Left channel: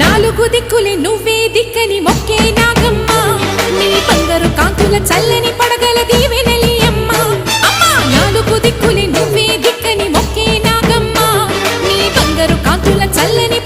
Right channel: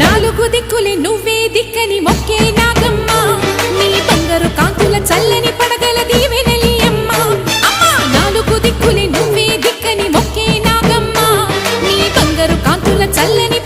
నాలుగు దిక్కులే నువ్వే దిక్కని మొక్కే నాగమ్మ నీ బంగారు కాంతుల చల్లని పడగల దీవెనలి అమ్మ అమ్మా నాలుగు దిక్కులే నువ్వే దిక్కని మొక్కే నాగమ్మ నీ బంగారు కాంతుల చల్లని